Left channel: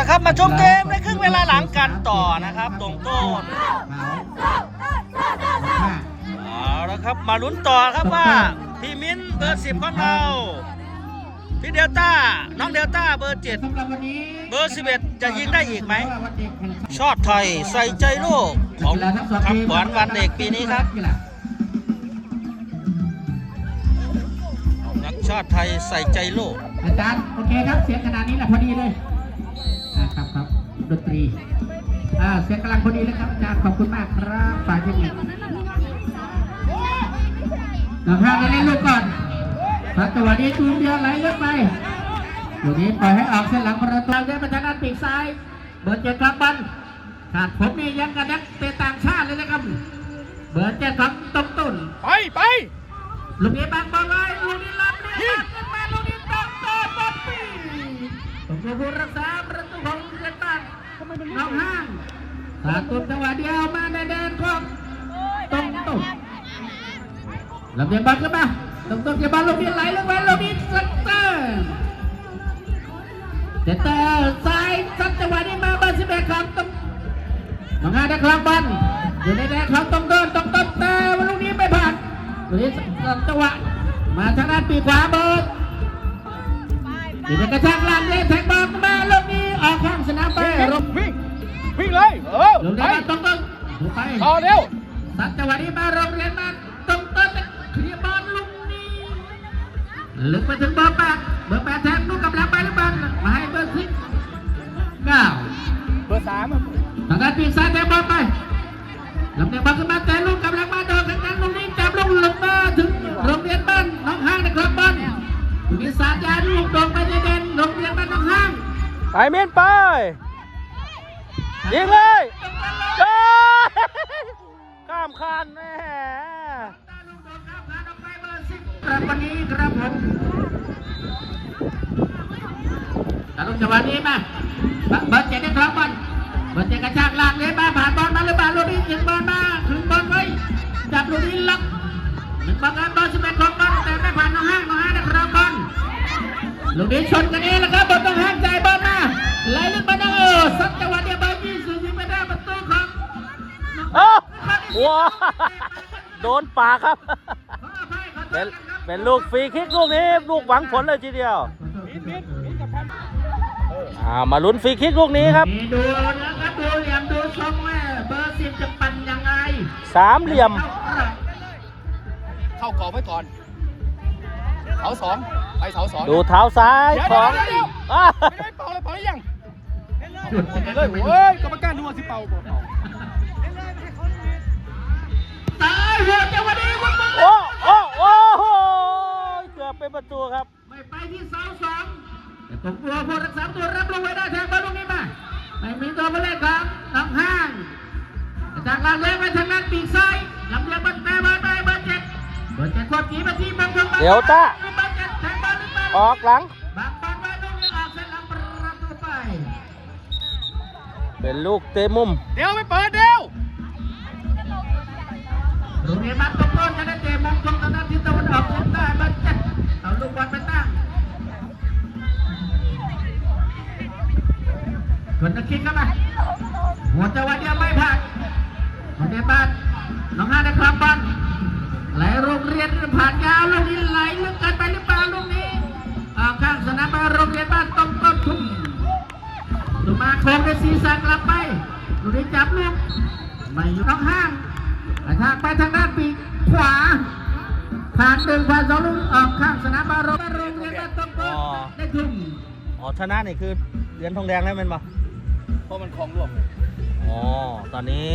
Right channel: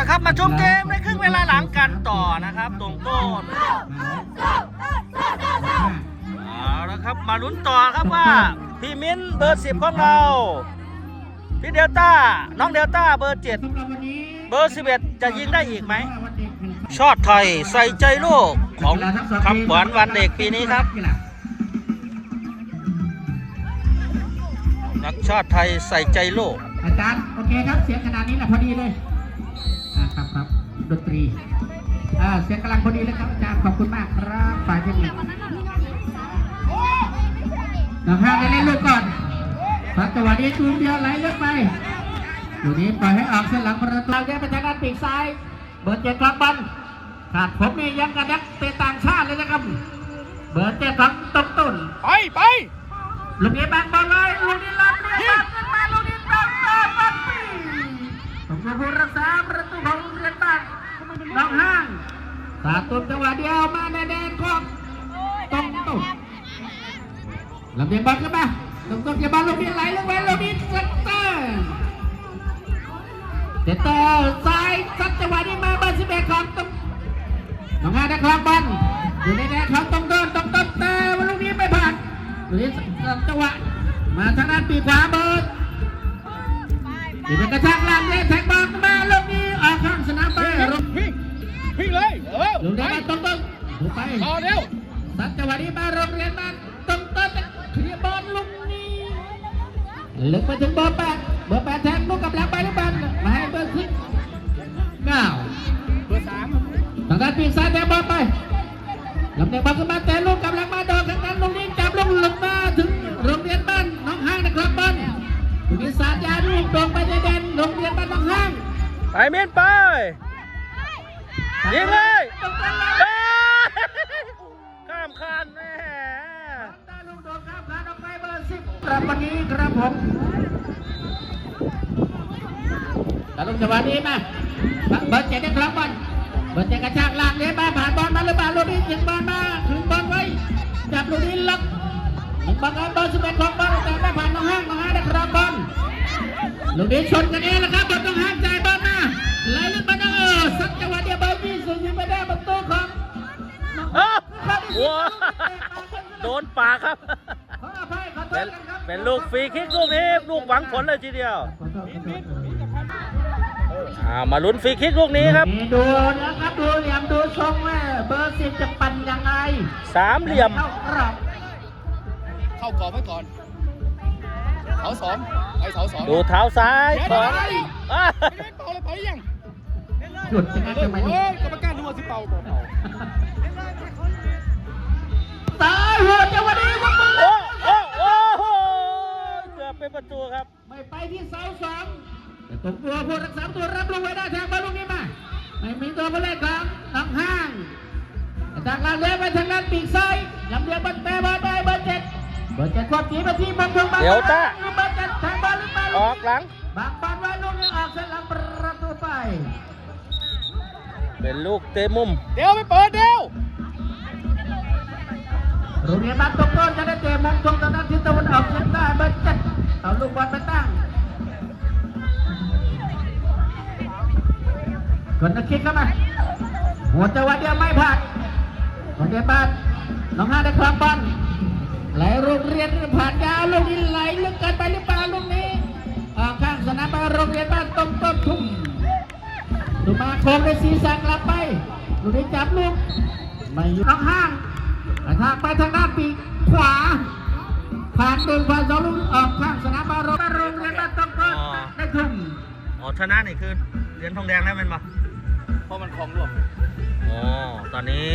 ละครับมาชมเกมในครึ่งเวลาหลังกันต่อนะครับตรงต้นเอาละครับมาลุ้นต่อครับว่าพี่มิ้นเบอร์10ของเราพี่เดลต้าน้องเดลต้าเบอร์7เบอร์11จะยิงได้อีกไหมชอตไทยใส่ใจโลกของคำขวัญวันเด็กปีนี้ครับนักชาติไทยใส่ใจโลกอาจารย์โอเคครับเสียงขนาดนี้แหละพอดีเลยครับดนตรีเสียงกำลังพอดีเลยครับอาจารย์ขอบคุณมากครับฝ่ายเทคนิคนะครับเล่นลูกก่อนจังหวะนี้จูงเดียวไหลเลือกไปอยู่นี้ปล่อยให้ออกเส้นหลังประตูย้ายไปทางด้านปีกซ้ายเบอร์7ครับบอลขาดผมนี่ยังกันนักเตะต่างชาติเลยนะครับเบอร์7ครับต้นไปลูกนี้บางบอลเลยลูกนี้รับยิงลูกนี้รับบัตรผมมาผู้รักษาประตูของเลตันน้องห้างขาดตุนจังหวะเดียวมาในแดนของต้นลำเลียงบอลขึ้นมาต้นเก็บบอลลูกนี้ไหลลงไปลูกนี้เซนเตอร์ซ้ายซัดจังหวะนี้มาเบอร์11ของน้องห้างได้ครองบอลอยู่ในแดนของต้นแต่ลูกนี้ไม่ผ่านวันนี้จังหวะมาทางด้านปีขวาเบิร์ดที่จะกระชากแรงแทงบอลมาลูกนี้ออกข้างสนามไปวิ่งเลยลูกนี้ต้นไปต่อเร็วสัดจังหวะนี้มาโรงเรียนมาต้นเคลียร์บอลลูกนี้ลึกไปถึงเบอร์8แทงลูกกับหลังไปลูกบอลมาให้เบอร์10ง่าวเบอร์3ทางด้านปีซ้ายแทงบอลไปลำเลียงบอลขึ้นมาแต่ลูกกับหลังมาโดนทางด้านลูกนี้จับลูกหลบมาถึงโรงเรียนบ้านน้องห้างนะครับบอลมีสารยาลูกตรงไปในแดนโรงเรียนบ้านน้องห้างไปเมียนไปยิงเลยข้ามคานแม่วันนี้ครับผมแต่ลูกจังหวะนี้มาเบอร์7ได้ครองบอลเบอร์7กระชากล่างเลยมาผ่านบอลมาเลยบอลลูกนี้ยิงบอลมาถึงบอลไว้จับลูกนี้ล็อกบอลเบอร์11ของบอลแต่ไม่ผ่านน้องห้างได้ครองบอลลูกนี้ชนกันเองนะครับบอลต้องห้ามใจบอลมาไหลลึกมาสักจังหวะเดียวเบอร์20ยิงไม่ได้ประตูของว้าโดนปากครับเป็นลูกฟรีคิกลูกนี้ลูกหวังผลเลยทีเดียวมาลุ้นฟรีคิกลูกนี้ครับดูนะครับดูเหลี่ยมดูทรงเบอร์10จะปั่นยังไง3เหลี่ยมเข้ากรอบไว้ก่อนเสา2ไปเสา2ดูเท้าซ้ายของไม่เป่าเลยยังเล่นเลยเฮ้ยกรรมการดูสิเป่าตายหัวจังหวะนี้โอ้เกือบเป็นประตูครับไม่ไปที่เสา2ผมกลัวผู้รักษาตัวรับลูกไว้ได้แทงบอลลูกนี้มาไม่มีตัวผู้เล่นครับน้องห้างจากลานเล่นไปทางด้านปีกซ้ายลำเลียงบอลเตะบอลไปเบอร์7ควบขี่ไปที่บอลเดี๋ยวต้าออกหลังเป็นลูกเตะมุมเดี๋ยวไปเปิดเดี๋ยวเนี่ยบอลตรงต้นจะได้เตะมุมตรงทางด้านทิศตะวันออกเฉียงใต้เบอร์7เอาลูกบอลไปตั้งคนตะคิดเข้ามาหัวจังหวะเดียวไม่ผ่านเดี๋ยวบ้านน้องห้าได้ครองบอลไหลโรงเรียนผ่านยาวลูกนี้ไหลลึกเกินไปหรือเปล่าลูกนี้ข้างสนามบ้านโรงเรียนบ้านต้นทุ่งมาโค้งในศีรษะกลับไปลูกนี้จับลูกไม่อยู่น้องห้างทางไปทางด้านปีกขวาผ่าน1 ผ่าน 2ลูกออกข้างสนามบ้านโรงเรียนบ้านต้นได้ทุ่งชนะนี่คือเหรียญทองแดงได้ไหมบ้างเพราะมันคลองร่วมตอนนี้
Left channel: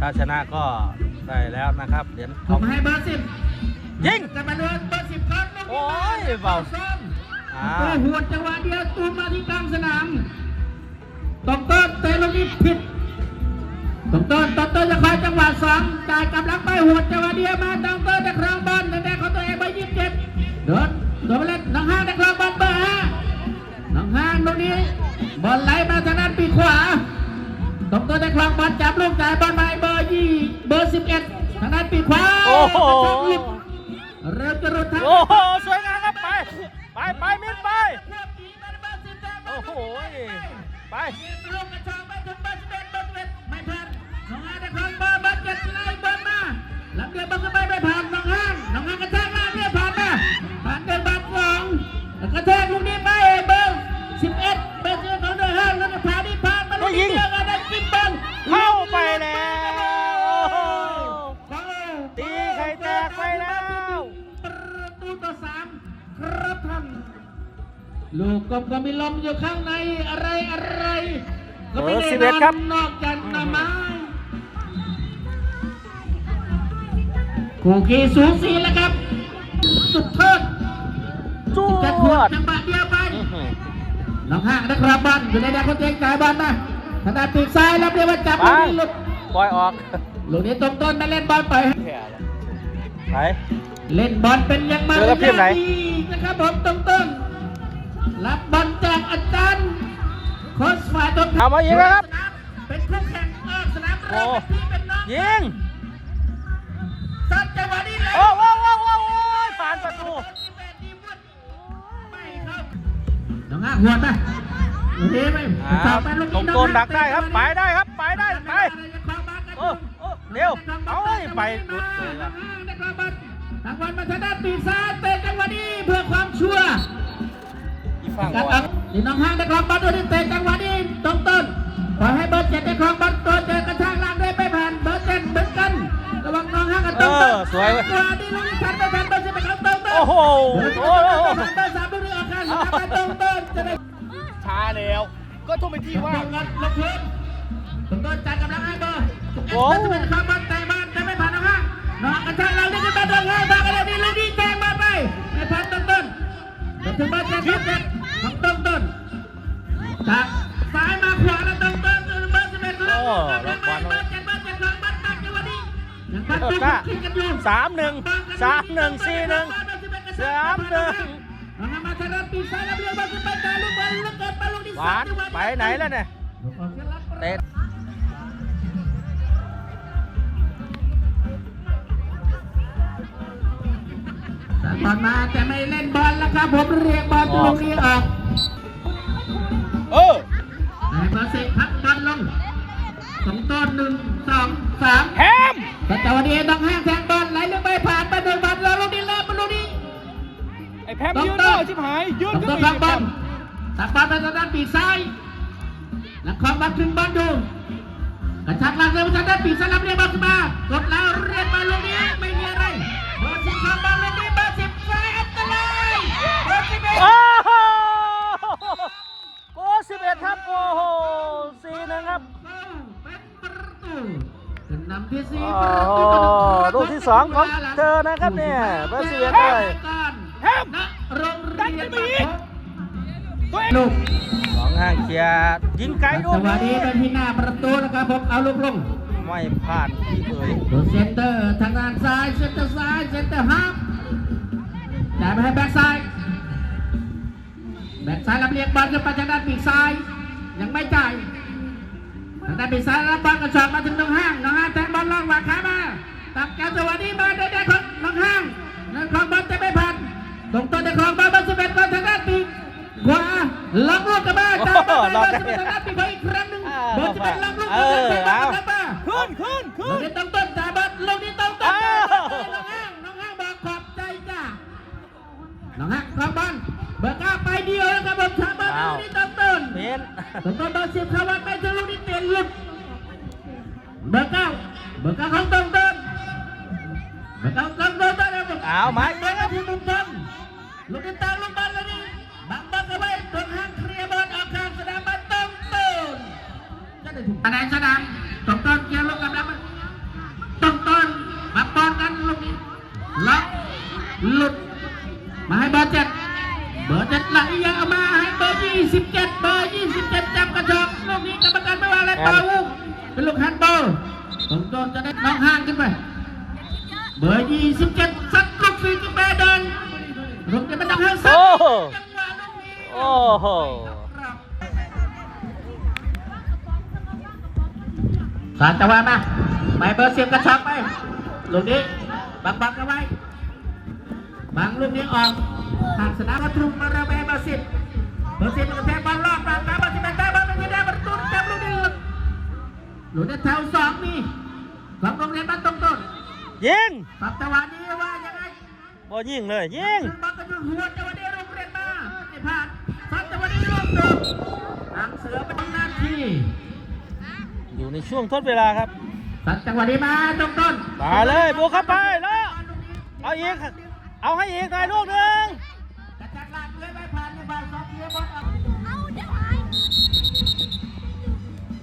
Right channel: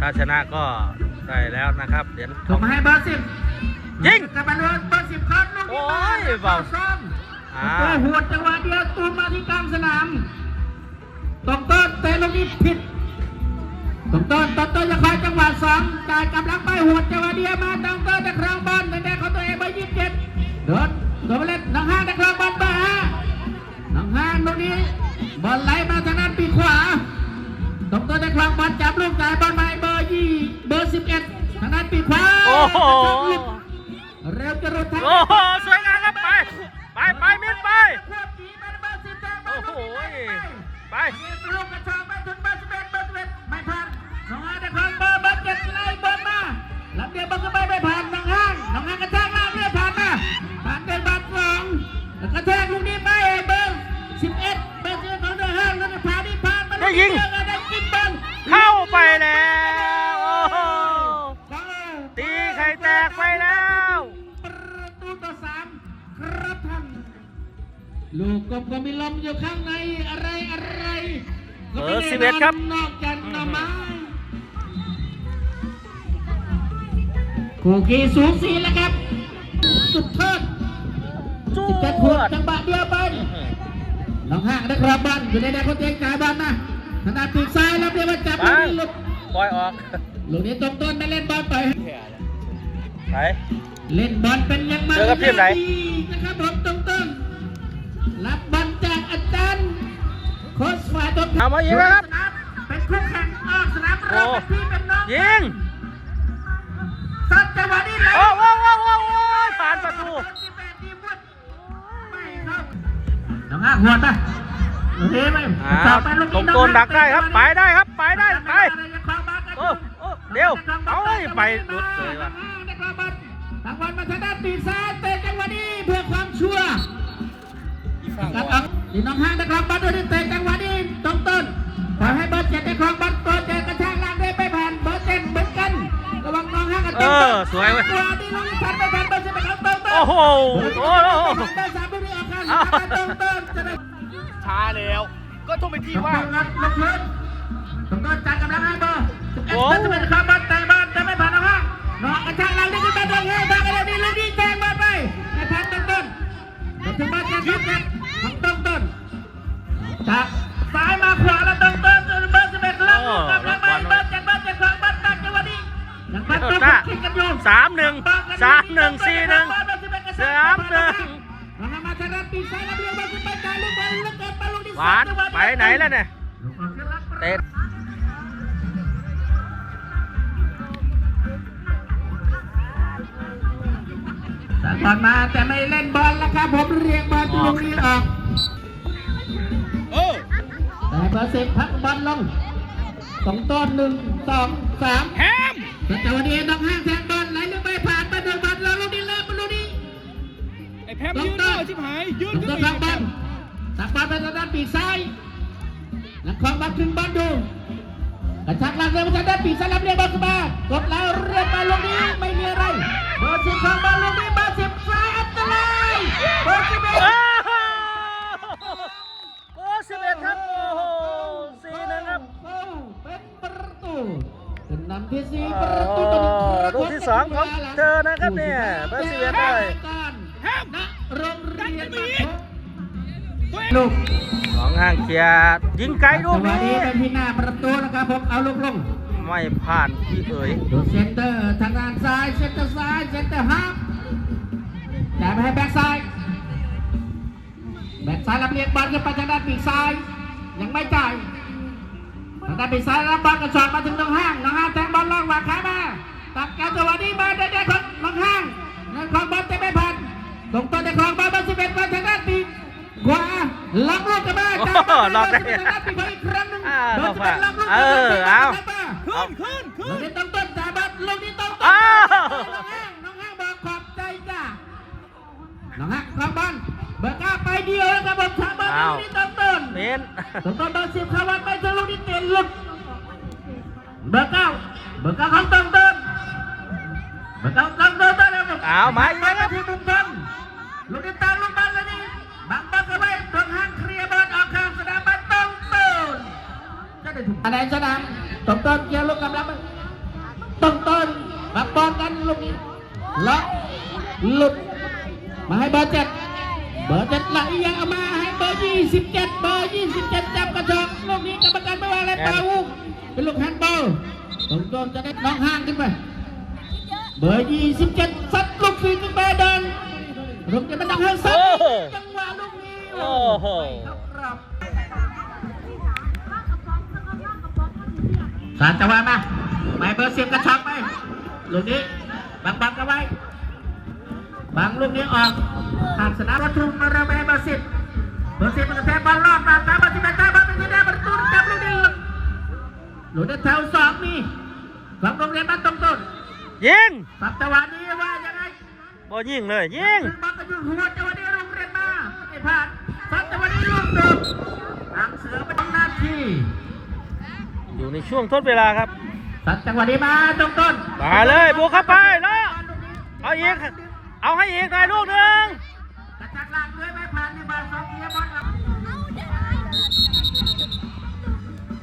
ถ้าชนะก็ได้แล้วนะครับเหรียญทองให้เบอร์10ยิงกลับมาเลยเบอร์10ครับโอ้ยเบาหัวจังหวะเดียวตูมาที่กลางสนามต้นเตะลูกนี้ผิดต้นจะพาจังหวะ2จ่ายกำลังไปหัวจังหวะเดียวมาต้นได้ครองบอลในแดนของตัวเองเบอร์27โดนเล่นน้องห้างได้ครองบอลเบอร์5น้องห้างลูกนี้บอลไหลมาทางด้านปีกขวาต้นได้ครองบอลจับลูกจ่ายบอลไปเบอร์11ทางด้านปีกขวาโอ้โหเร็วจะรุดทันสวยงามครับไปมิดไปโอ้โห ไป ลูกกระชากไปถึงเบอร์11ไม่ผ่านน้องห้างนะครับเบอร์7ไล่บอลมาลำเดียวบอลขึ้นไปไม่ผ่านน้องห้างกระชากมาไม่ผ่านมาผ่านเป็นบอล2แล้วกระแทกลูกนี้ไปเบอร์11เบอร์11ของน้องห้างแล้วก็ผ่านที่ผ่านมาได้ยิงได้กินเต็ม เข้าไปแล้วโอ้โหตีไข่แตกไปแล้ว ประตูต่อ3ครับท่านลูกก็มีลมอยู่ข้างในอะไรเบอร์11ครับ นอกจากหน้าไม้คู่ขี้สูสีแล้วครับสุดเทิด จ จะ ว ถูก ด จังหวะเดียวไปน้องห้างนะครับบอลอยู่ในแดนคนเจ๊งจ่ายบอลมาขนาดปีกซ้ายรับเรียกว่าจับลูกนี้หลุด ปล่อยออก ลูกนี้ตรงต้นมาเล่นบอลไป ไหน เล่นบอลเป็นยังไง เจอกับทีมไหน นะครับผมตรงต้นรับบอลจากอาจารย์โค้ชฝ่ายตรง เอามายิงนะครับ เป็นคู่แข่งออกสนาม โอ้ ที่เป็นน้อง ยิง สัตว์จังหวะนี้เลย โอ้ผ่านประตู น้องห้าหัวไปโอเคไหม อ้าวตรงต้นดักได้ครับ ไปได้ครับ ไปได้ ไป โอ้เดี๋ยว เอาไปหลุดเลยว่ะ ทางบอลมาทางด้านปีกซ้ายเตะจังหวะนี้เพื่อความชัวร์ อีฝั่ง กับ ก่อน นี่น้องห้างนะครับบอลโดนเตะจังหวะนี้ตรงต้นขอให้เบอร์7ได้ครองบอลตัวเจอกระชากลากได้ไปผ่านเบอร์7เหมือนกันระวังน้องห้างกันตรงต้น สวยเว้ย นี่ลูกนี้ทันไม่ทันเบอร์10เป็นของตรงต้น โอ้โห เบอร์3ลูกนี้ออกข้างตรงต้นจะได้ ช้าแล้วก็ต้องเป็นที่ ตรง ว่า ต้นรับลงพื้นตรงต้นจัดกำลังให้เบอร์ โอ้ จะเป็นคาร์บอนไตบอลจะไม่ผ่านน้องห้างน้องกระชากลากได้ก็ไปตรงห้างไปกันเลยนี่ลูกนี้แทงมาไปไม่ผ่านตรงต้นถึงเบอร์7ของตรงต้นจากซ้ายมาขวาแล้วตรงต้นเบอร์11แล้ว ล็อกบอลไว้ เจ็ดบอลจังหวะนี้ เดี๋ยวจ้า3-1 3-1 4-1 หวานไปไหนแล้วเนี่ยเตะ บอลมาแต่ไม่เล่นบอลแล้วครับผมเรียกบอลตรงนี้ออก แต่เบอร์10พักบอลลงสองต้น1 2 3 แฮม แต่วันนี้ต้องห้างแทงบอลไหลลงไปผ่านไปโดนบอลเราลูกนี้เลิกมาลูกนี้ ไอ้แพมยืนเลยชิบหายยืน ต้ ขึ้ อน ง ไป พั อี ก ก บอลตักบอลไปทางด้านปีกซ้ายแล้วคอมบัตถึงบอลดูกระชักหลังเลยมาทางด้านปีกซ้ายรับเรียกบอลขึ้นมากดแล้วเรียกบอลลูกนี้ไม่มีอะไรเบอร์10ของบอลลูกนี้เบอร์10ซ้ายอันตรายเบอร์11 โอ้โหโก11ครับ โอ้โห4-1ครับ เป็นประตูขึ้นนำที่4 โอ้ ประ โห ตู ลูกที่2ของเธอนะครับเนี่ยเบอร์11เลย แฮมดันขึ้นไปอีกตัวเอง ลูก สองห้างเคลียร์ยิงไกลลูก จังหวะ นี้ นี้เป็นที่หน้าประตูนะครับผมเอาลูกลง ไม่ผ่านพี่เอ๋ย ดูเซนเตอร์ทางด้านซ้ายเซนเตอร์ซ้ายเซนเตอร์ฮาร์ฟจ่ายไปให้แบ็คซ้ายแบ็คซ้ายรับเรียกบอลขึ้นไปทางด้านปีกซ้ายยังไม่จ่ายทางด้านปีกซ้ายรับบอลกระชากมาถึงน้องห้างแทงบอลล่างหวานขามาตัดการจังหวะนี้มาได้ของน้องห้างนั่นของบอลจะไม่ผ่านตรงต้นในของบอลเบอร์11บอลทางด้านปีกขวาล็อกลูกกลับมา โอ้โหรอดได้ ทางด้านปีกขวาอีกครั้งหนึ่ง เข้ามา เออ เอา ขึ้น ลูกนี้ต้องต้นจ่ายบอลลูกนี้ต้องต้น อ้าว น้องห้างบอกขอบใจจ้าน้องห้างทำบอลเบอร์9ไปเดียวครับผมทำบอลลูกนี้ต้องต้น เมน ผมต้องเบอร์10เข้าวัดไปจนลูกนี้เตะหลุดเบอร์9ของต้องต้นเบอร์9ต้องต้นนะครับ เอามาอีกแล้วครับ ลูกนี้ตามลงบอลแล้วนี่บังบอลเข้าไปตรงห้างเคลียร์บอลออกข้างสนามบอลต้องต้นคะแนนชนะต้องต้นเกี่ยวลูกกับแล้วต้องต้นบังบอลกันลูกนี้ล็อกหลุดมาให้เบอร์7ไหลยังเอามาให้เบอร์27จับกระชากลูกนี้กรรมการไม่ว่าอะไรเปล่าลูกเป็นลูกแฮนด์บอลต้องต้นจะได้น้องห้างขึ้นไปเบอร์27ซัดลูกฟรีขึ้นไปเดินลูกจะเป็นน้องห้างซัด โอ้โห จังหวะลูกนี้ โอ้โห สาดจังหวะมาไปเบอร์10กระชากไปลูกนี้บังกันไว้บังลูกนี้ออกผ่านสนามวัตถุมาเริ่มไปเบอร์10มันกระแทกบอลรอบตามเบอร์11ได้บอล อยู่ในแถวสองนี่ของโรงเรียนบ้านต้นต้น ยิง สัปดาห์นี้ว่ายังไง บอลยิงเลยยิง บอลกระจุกหัวจังหวะนี้โรงเรียนมาไม่ผ่านสัปดาห์นี้ลูกโดดทางเสือเป็นหน้าที่ อยู่ในช่วงทดเวลาครับ สัปดาห์นี้มาต้นต้น มาเลยบวกเข้าไปแล้วเอาอีกเอาให้อีกหน่อยลูกหนึ่ง กระจักหลังเลยไม่ผ่านในบอลสองเกียร์บอล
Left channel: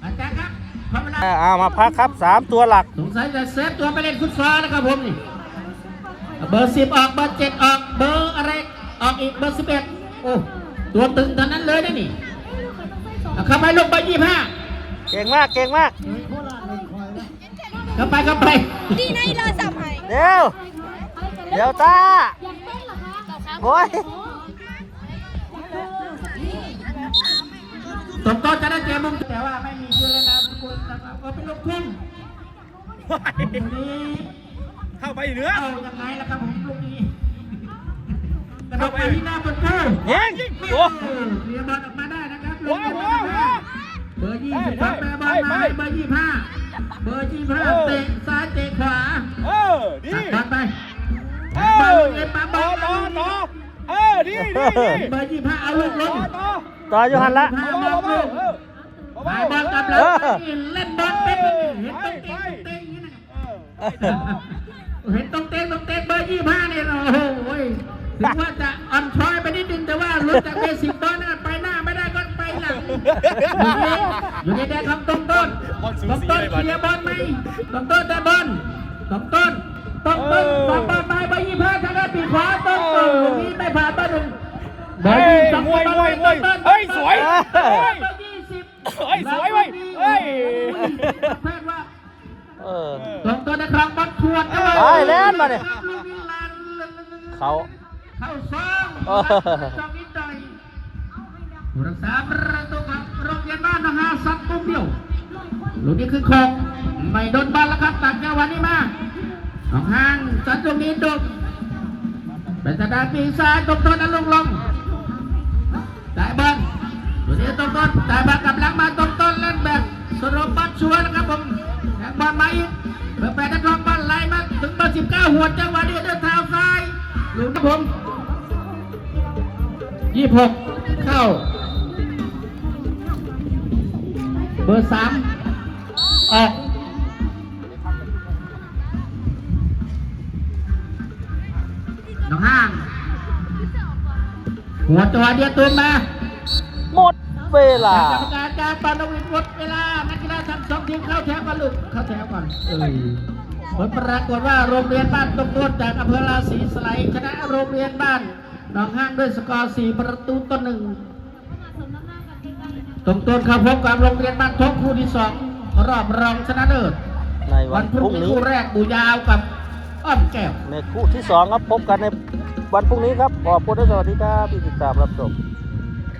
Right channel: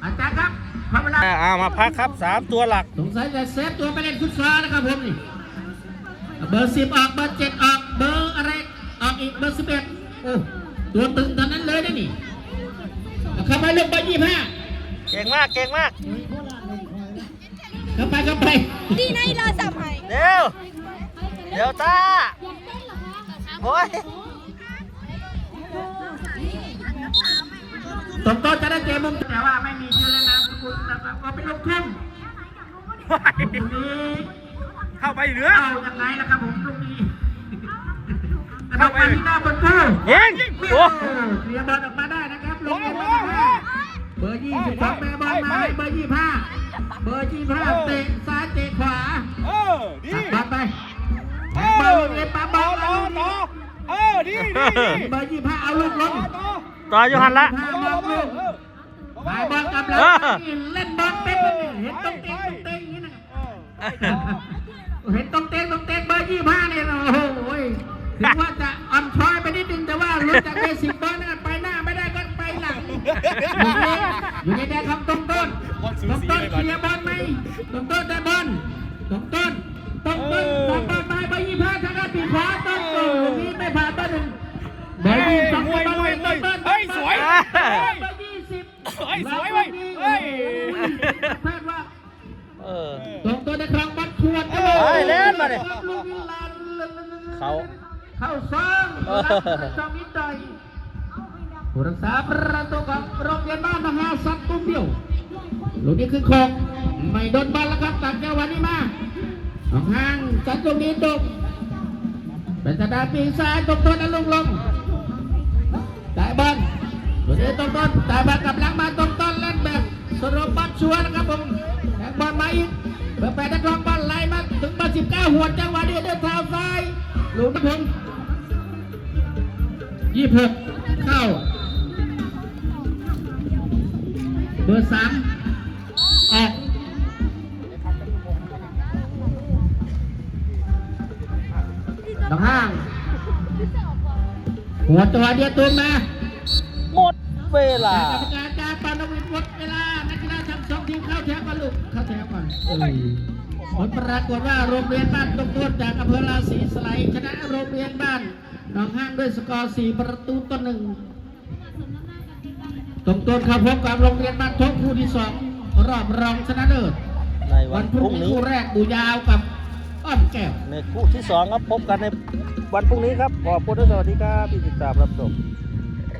อาจารย์ครับพอเวลา เอามาพักครับ3ตัวหลัก สงสัยจะเซฟตัวไปเล่นฟุตซอลนะครับผมนี่เบอร์10ออกเบอร์7ออกเบอร์อะไรออกอีกเบอร์11โอ้ตัวตึงตอนนั้นเลยนะนี่เอาเข้าไปลงไป25 เก่งมากเก่งมาก เข้าไป ดีนะเราสับให้ เดี๋ยวตาโอ้ย ตรงต้นจะได้เกมมุมแต่ว่าไม่มีชื่อและนามสกุลนะครับก็เป็นลูกทุ่งลูกนี้ เข้าไปเหนือ เอายังไงล่ะครับผมลูกนี้กระโดดไปที่หน้าประตู ยิงโอ้ เคลียร์บอลออกมาได้นะครับเบอร์22แม่บอลมาเบอร์25เบอร์25เตะซ้ายเตะขวา ดี ตัดไป เอ เบอ อ ร์เอ็มปั๊มบอล ต่อดี เบอร์25เอาลูกลง ต่อยูหันละ 5บอลลงไปบอลกับเลยเล่นบอลเต็มเห็นต้องเตะอย่างนี้นะเห็นต้องเตะเบอร์25เนี่ยโอ้โหถึงว่าจะอ่อนช้อยไปนิดนึงแต่ว่าลุ้นจากเบสิกบอลนะไปหน้าไม่ได้ก็ไปหลังอยู่ในแดนของต้นเคลียร์บอลไหมต้นได้บอลต้นไปเบอร์25ทางด้านปีขวาต้นนี้ไม่ผ่านเบอร์1เบอร์22 เฮ้ยสวย เบอร์20 เฮ้ยสวยเว้ยเฮ้ย ต้นนะครับบอลขวด ไปเล่นมาเนี่ยเขา เข้าซ้อมตรงนี้ต่อยผู้รักษาประตูของโรงเรียนบ้านนะฮะสัตว์ตุ้มเดียวลูกนี้คือโคกไม่โดนบอลแล้วครับตัดจังหวะนี้มาห่างสัตว์ตรงนี้ตกเป็นทางด้านปีศาจตกตัวนั้นลงได้บอลลูกนี้ตกต้นได้บอลกำลังมาตกต้นเล่นแบบสโลว์บอลชัวร์นะครับผมแข่งบอลมาอีกเบอร์8นะครับบอลไล่มาถึงเบอร์19หัวจังหวะนี้ด้วยเท้าซ้ายลูกครับผม26เข้าเบอร์3ออกน้องห้างหัวจังหวะเดียวตัวมา หมดเวลา กรรมการการปานวิทย์หมดเวลานักกีฬาทั้งสองทีมเข้าแถวกันลูกเข้าแถวก่อนผลปรากฏว่าโรงเรียนบ้านต้นต้นจากอำเภอราศีสไลชนะโรงเรียนบ้านหนองห้างด้วยสกอร์4 ประตูต่อ 1ต้นเข้าพบกับโรงเรียนบ้านทบคู่ที่2รอบรองชนะเลิศ ในวันพรุ่งนี้ คู่แรกบูยาวกับอ้อมแก้ว ในคู่ที่2ครับพบกันในวันพรุ่งนี้ครับขอบคุณและสวัสดีครับที่ติดตามรับชม